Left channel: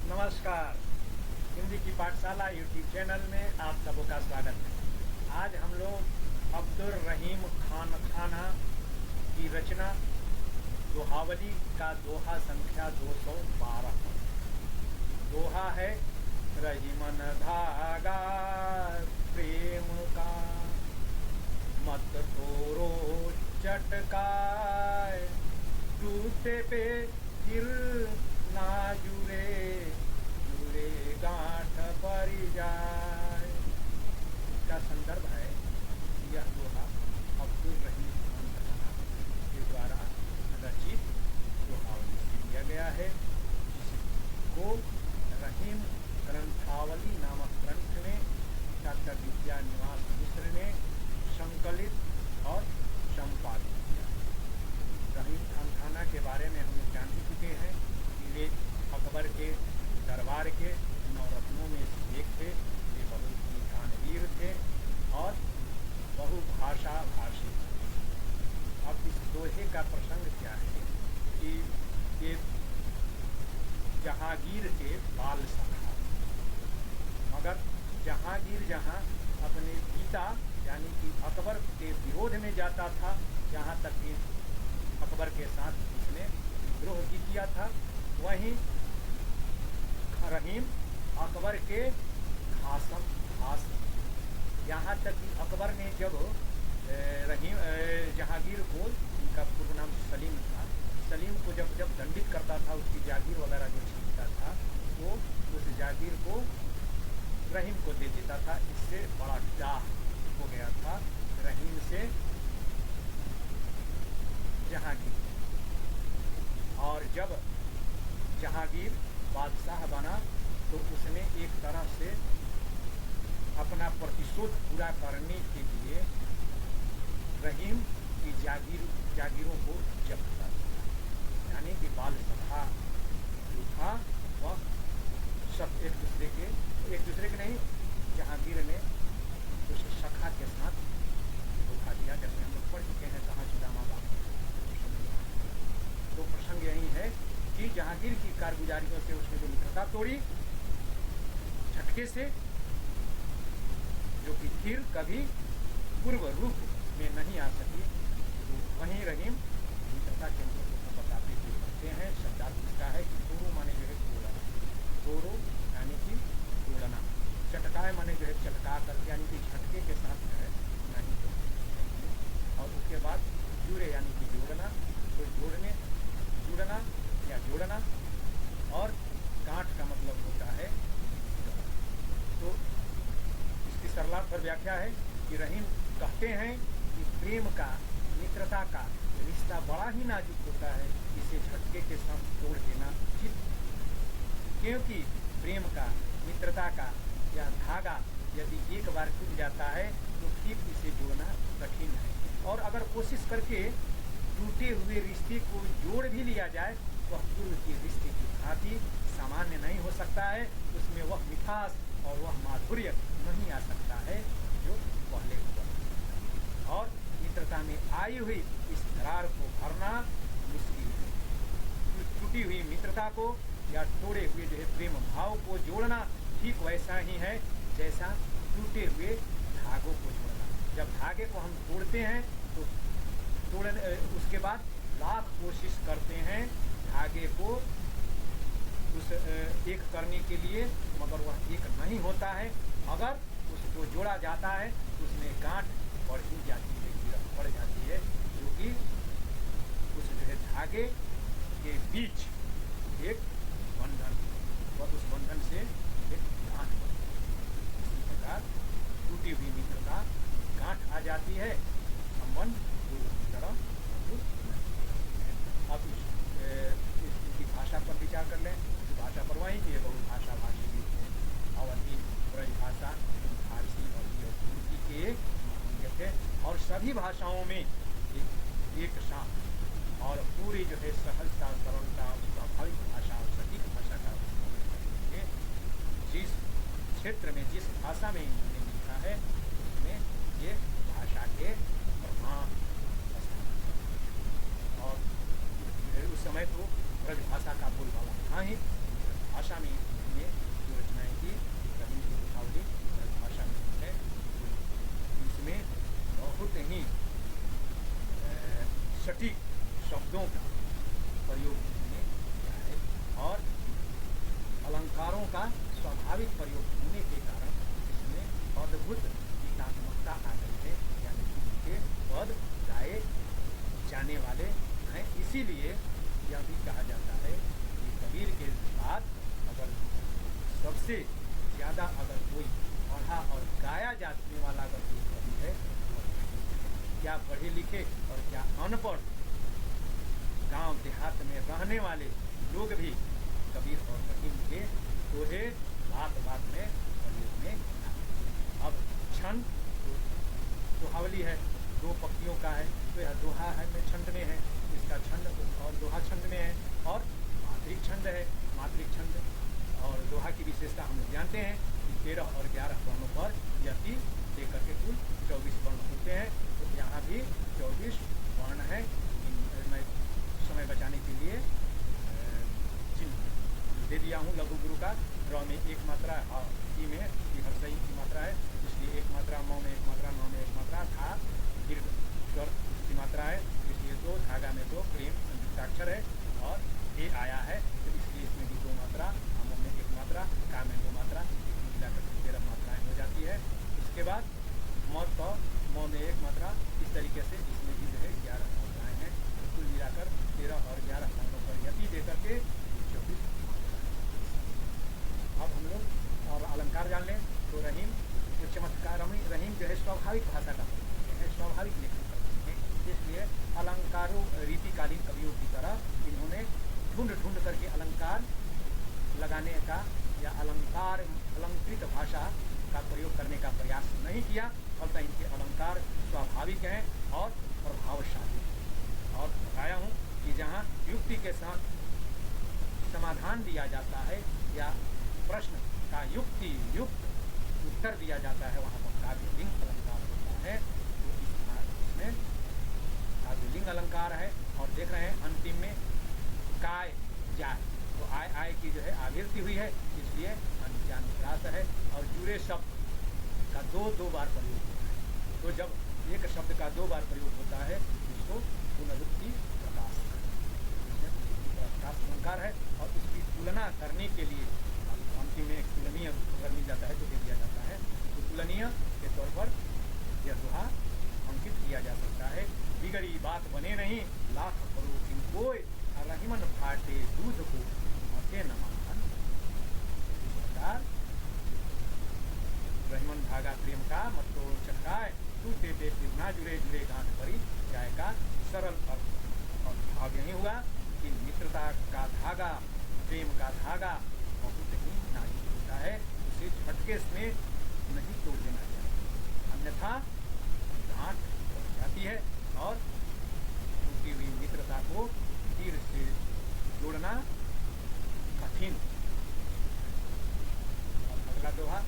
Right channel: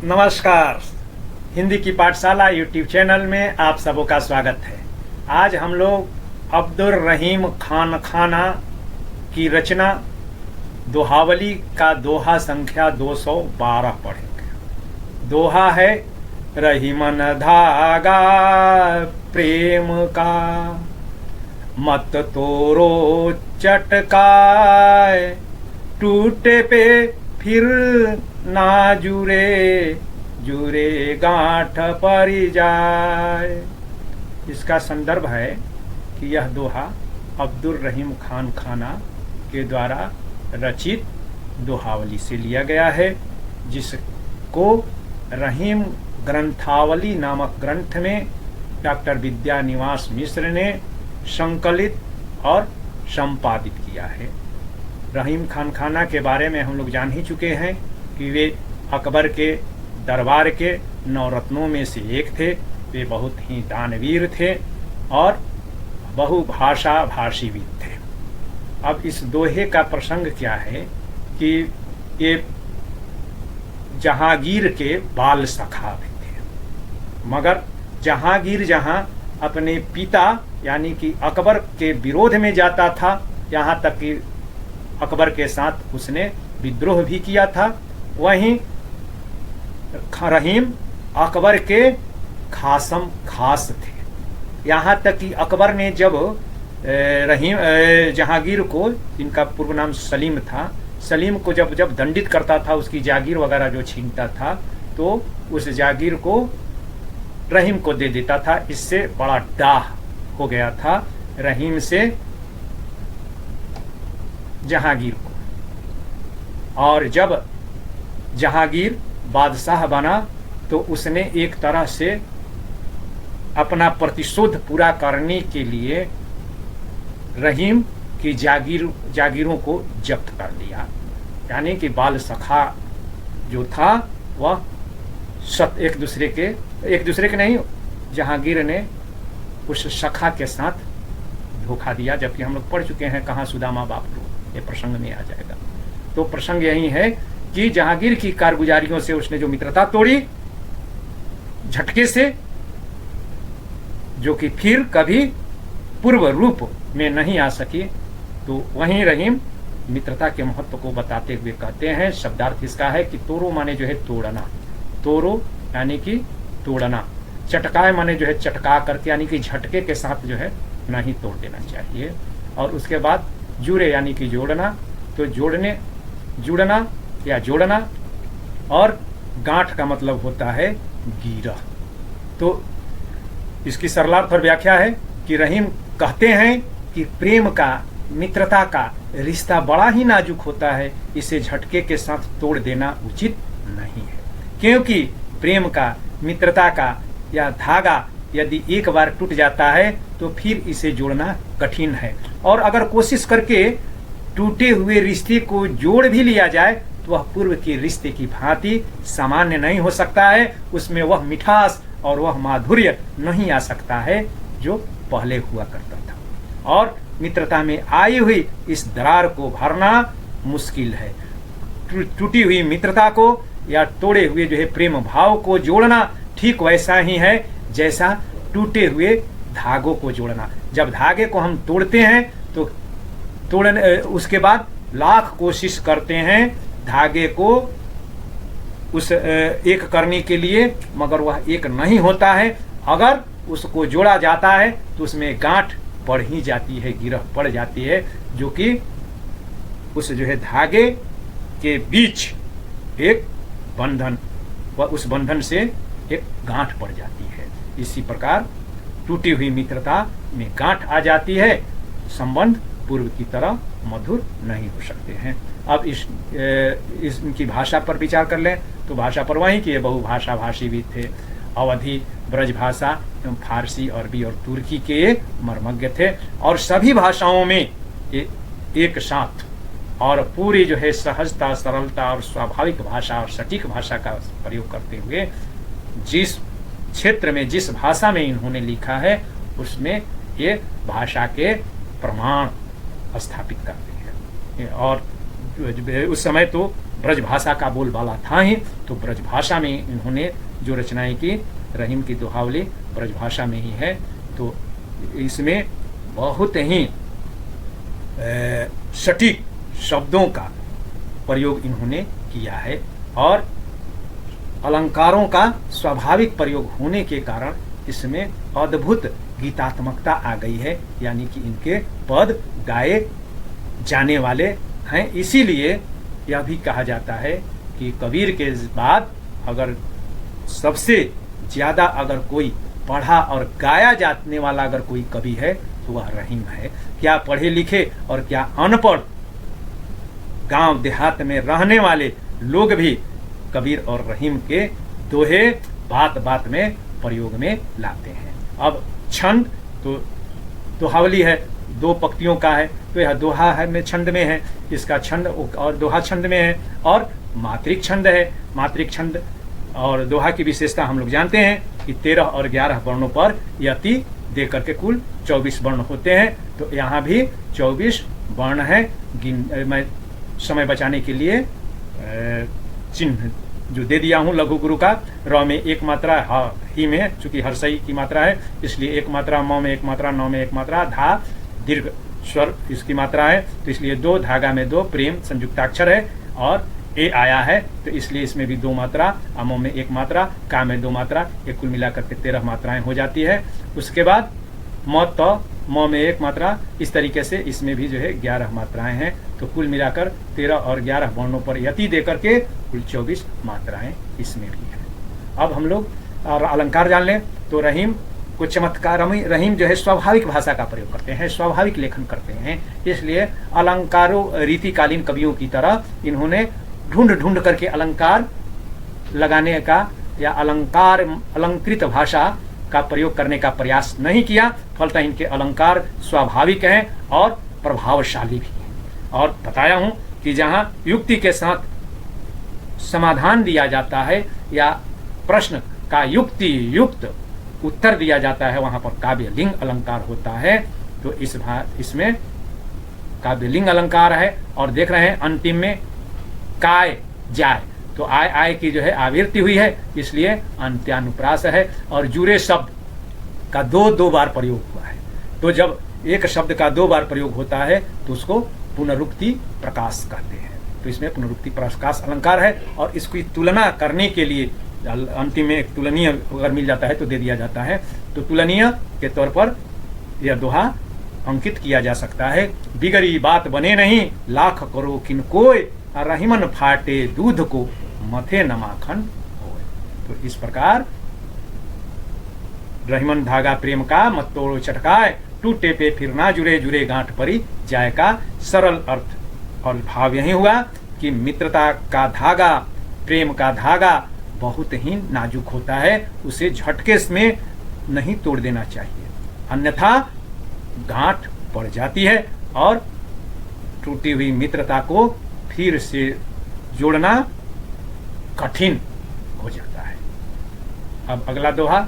नमस्कार। हिंदी की पाठशाला यूट्यूब चैनल में आप सबों का स्वागत है। आज हम लोग अब्दुल रहीम खान खाना की रचना दोहावली का दोहा संख्या 212 पढ़ेंगे। दोहा है, रहीमन धागा प्रेम का, मत तोरो चटकाए, टूटे पे फिर ना जुरे, जुरे गांठ पर जाए। इसका संदर्भ है कि यह दोहा अब्दुल रहीम खान खाना के द्वारा रचित दोहावली से लिया गया है, जिसको रहीम ग्रंथावली नामक ग्रंथ में डॉक्टर विद्यानिवास मिश्र ने संकलित और संपादित किया है। रहीम खान खाना के बारे में हम लोग जान ही चुके हैं कि वे अकबर के दरबार के नवरत्नों में से एक थे। वे बहुत ही दानवीर थे और बहुभाषा भाषी भी थे। अब इस दोहे का प्रसंग क्या है कि ये जहांगीर के बाल सखा भी थे, मगर जहांगीर जहां अपने पिता यानी कि अकबर के विरोध में जाता था, यहाँ तक कि अकबर के साथ उसने विद्रोह भी किया था, वहीं रहीम अकबर के खासम खास थे। यहाँ तक कि अकबर ने जब जहांगीर को, इनका पूर्व नाम सलीम था, सलीम को जब दंडित करता था, उसकी जागीर वगैरह जो छीनता था, तो उस जागीर को रहीम को दे देता था। इससे बड़ा डाह हो गया था रहीम से जहांगीर को। और जब जहांगीर बादशाह बना तो उसने एक तरह से अपना प्रतिशोध पूरा करने के लिए रहीम की जागीरों को जब्त कर लिया। यानी कि बाल सखा जो था वह एक दूसरे के नहीं, जहांगीर ने उस सखा के साथ धोखा दिया, जबकि हम लोग पढ़ चुके हैं कहाँ सुदामा बापू, ये प्रसंग में आ जाएगा। तो प्रसंग यही है कि जहांगीर की कारगुजारियों से उसने जो मित्रता तोड़ी झटके से, जो कि फिर कभी पूर्व रूप में नहीं आ सकी, तो वहीं रहीम मित्रता के महत्व को बताते हुए कहते हैं, शब्दार्थ इसका है कि तोरो माने जो है तोड़ना, तोरो यानी कि तोड़ना, चटकाए माने जो है चटका करके, यानी कि झटके के साथ जो है नहीं तोड़ देना चाहिए। और उसके बाद जुड़े यानी कि जोड़ना, तो जुड़ना या जोड़ना, और गांठ का मतलब होता है गिरह। तो इसकी सरलार्थ और व्याख्या है कि रहीम कहते हैं कि प्रेम का, मित्रता का रिश्ता बड़ा ही नाजुक होता है, इसे झटके के साथ तोड़ देना उचित नहीं है, क्योंकि प्रेम का, मित्रता का यह धागा यदि एक बार टूट जाता है तो फिर इसे जोड़ना कठिन है। और अगर कोशिश करके टूटे हुए रिश्ते को जोड़ भी लिया जाए तो वह पूर्व के रिश्ते की भांति सामान्य नहीं हो सकता है, उसमें वह मिठास और वह माधुर्य नहीं आ सकता है जो पहले हुआ करता था। और मित्रता में आई हुई इस दरार को भरना मुश्किल है। टूटी हुई मित्रता को या तोड़े हुए जो है प्रेम भाव को जोड़ना ठीक वैसा ही है जैसा टूटे हुए धागों को जोड़ना। जब धागे को हम तोड़ते हैं तो उसके बाद लाख कोशिश करते हैं धागे को उस एक करने के लिए, मगर वह एक नहीं होता है। अगर उसको जोड़ा जाता है तो उसमें गांठ पड़ ही जाती है, गिरह पड़ जाती है, जो कि उस जो है धागे के बीच एक बंधन, व उस बंधन से एक गांठ पड़ जाती है। इसी प्रकार टूटी हुई मित्रता में गांठ आ जाती है, संबंध पूर्व की तरह मधुर नहीं हो सकते हैं। अब इनकी भाषा पर विचार कर लें तो भाषा पर वहीं की बहुभाषा भाषी भी थे। अवधी, ब्रज भाषा, फारसी, अरबी और तुर्की के मर्मज्ञ थे, और सभी भाषाओं में एक साथ और पूरी जो है सहजता, सरलता और स्वाभाविक भाषा और सटीक भाषा का प्रयोग करते हुए जिस क्षेत्र में, जिस भाषा में इन्होंने लिखा है, उसमें ये भाषा के प्रमाण स्थापित करते हैं। और उस समय तो ब्रजभाषा का बोलबाला था ही, तो ब्रजभाषा में इन्होंने जो रचनाएं की, रहीम की दोहावली ब्रजभाषा में ही है। तो इसमें बहुत ही सटीक शब्दों का प्रयोग इन्होंने किया है और अलंकारों का स्वाभाविक प्रयोग होने के कारण इसमें अद्भुत गीतात्मकता आ गई है, यानी कि इनके पद गाए जाने वाले हैं। इसीलिए यह भी कहा जाता है कि कबीर के बाद अगर सबसे ज़्यादा अगर कोई पढ़ा और गाया जाने वाला अगर कोई कवि है तो वह रहीम है। क्या पढ़े लिखे और क्या अनपढ़ गांव देहात में रहने वाले लोग भी कबीर और रहीम के दोहे बात बात में प्रयोग में लाते हैं। अब छंद तो दोहावली है, 2 पंक्तियों का है, तो यह दोहा है में छंद में है, इसका छंद और दोहा छंद में है, और मात्रिक छंद है। मात्रिक छंद और दोहा की विशेषता हम लोग जानते हैं कि 13 और 11 वर्णों पर यति दे करके कुल 24 वर्ण होते हैं। तो यहाँ भी 24 वर्ण है। मैं समय बचाने के लिए चिन्ह जो दे दिया हूँ लघु गुरु का, र में 1 मात्रा, ह ही में चूंकि हर्षई की मात्रा है इसलिए 1 मात्रा, म में 1 मात्रा, न में 1 मात्रा, धा दीर्घ स्वर इसकी मात्रा है तो इसलिए 2, धागा में 2, प्रेम संयुक्ताक्षर है, और ए आया है तो इसलिए इसमें भी 2 मात्रा, अमो में 1 मात्रा, का में 2 मात्रा, ये कुल मिलाकर के 13 मात्राएं हो जाती है। उसके बाद म त म में 1 मात्रा, इस तरीके से इसमें भी जो है 11 मात्राएं हैं। तो कुल मिलाकर 13 और 11 वर्णों पर यति दे करके कुल 24 मात्राएं इसमें भी है। अब हम लोग और अलंकार जान लें तो रहीम को चमत्कार, रहीम जो है स्वाभाविक भाषा का प्रयोग करते हैं, स्वाभाविक लेखन करते हैं, इसलिए अलंकारों रीतिकालीन कवियों की तरह इन्होंने ढूंढ ढूंढ करके अलंकार लगाने का या अलंकृत भाषा का प्रयोग करने का प्रयास नहीं किया। फलतः इनके अलंकार स्वाभाविक हैं और प्रभावशाली भी हैं। और बताया हूँ कि जहाँ युक्ति के साथ समाधान दिया जाता है या प्रश्न का युक्ति युक्त उत्तर दिया जाता है, वहाँ पर काव्यलिंग अलंकार होता है। तो इसमें काव्यलिंग अलंकार है। और देख रहे हैं अंतिम में काय जाय, तो आय आय की जो है आवृत्ति हुई है, इसलिए अंत्यानुप्रास है। और जुरे शब्द का 2 बार प्रयोग हुआ है। तो जब एक शब्द का 2 बार प्रयोग होता है तो उसको पुनरुक्ति प्रकाश कहते हैं। तो इसमें पुनरुक्ति प्रकाश अलंकार है। और इसकी तुलना करने के लिए अंतिम में एक तुलनीय अगर मिल जाता है तो दे दिया जाता है। तो तुलनीय के तौर पर यह दोहा अंकित किया जा सकता है। बिगड़ी बात बने नहीं, लाख करो किनकोय, रहीमन फाटे दूध को मथे न माखन होय। तो इस प्रकार रहीमन धागा प्रेम का मत तोड़ो चटकाए, टूटे पे फिर ना जुड़े, जुड़े गांठ परी जाए का सरल अर्थ और भाव यही हुआ कि मित्रता का धागा, प्रेम का धागा बहुत ही नाजुक होता है, उसे झटके में नहीं तोड़ देना चाहिए, अन्यथा गांठ पड़ जाती है और टूटी हुई मित्रता को फिर से जोड़ना कठिन हो जाता है। अब अगला दोहा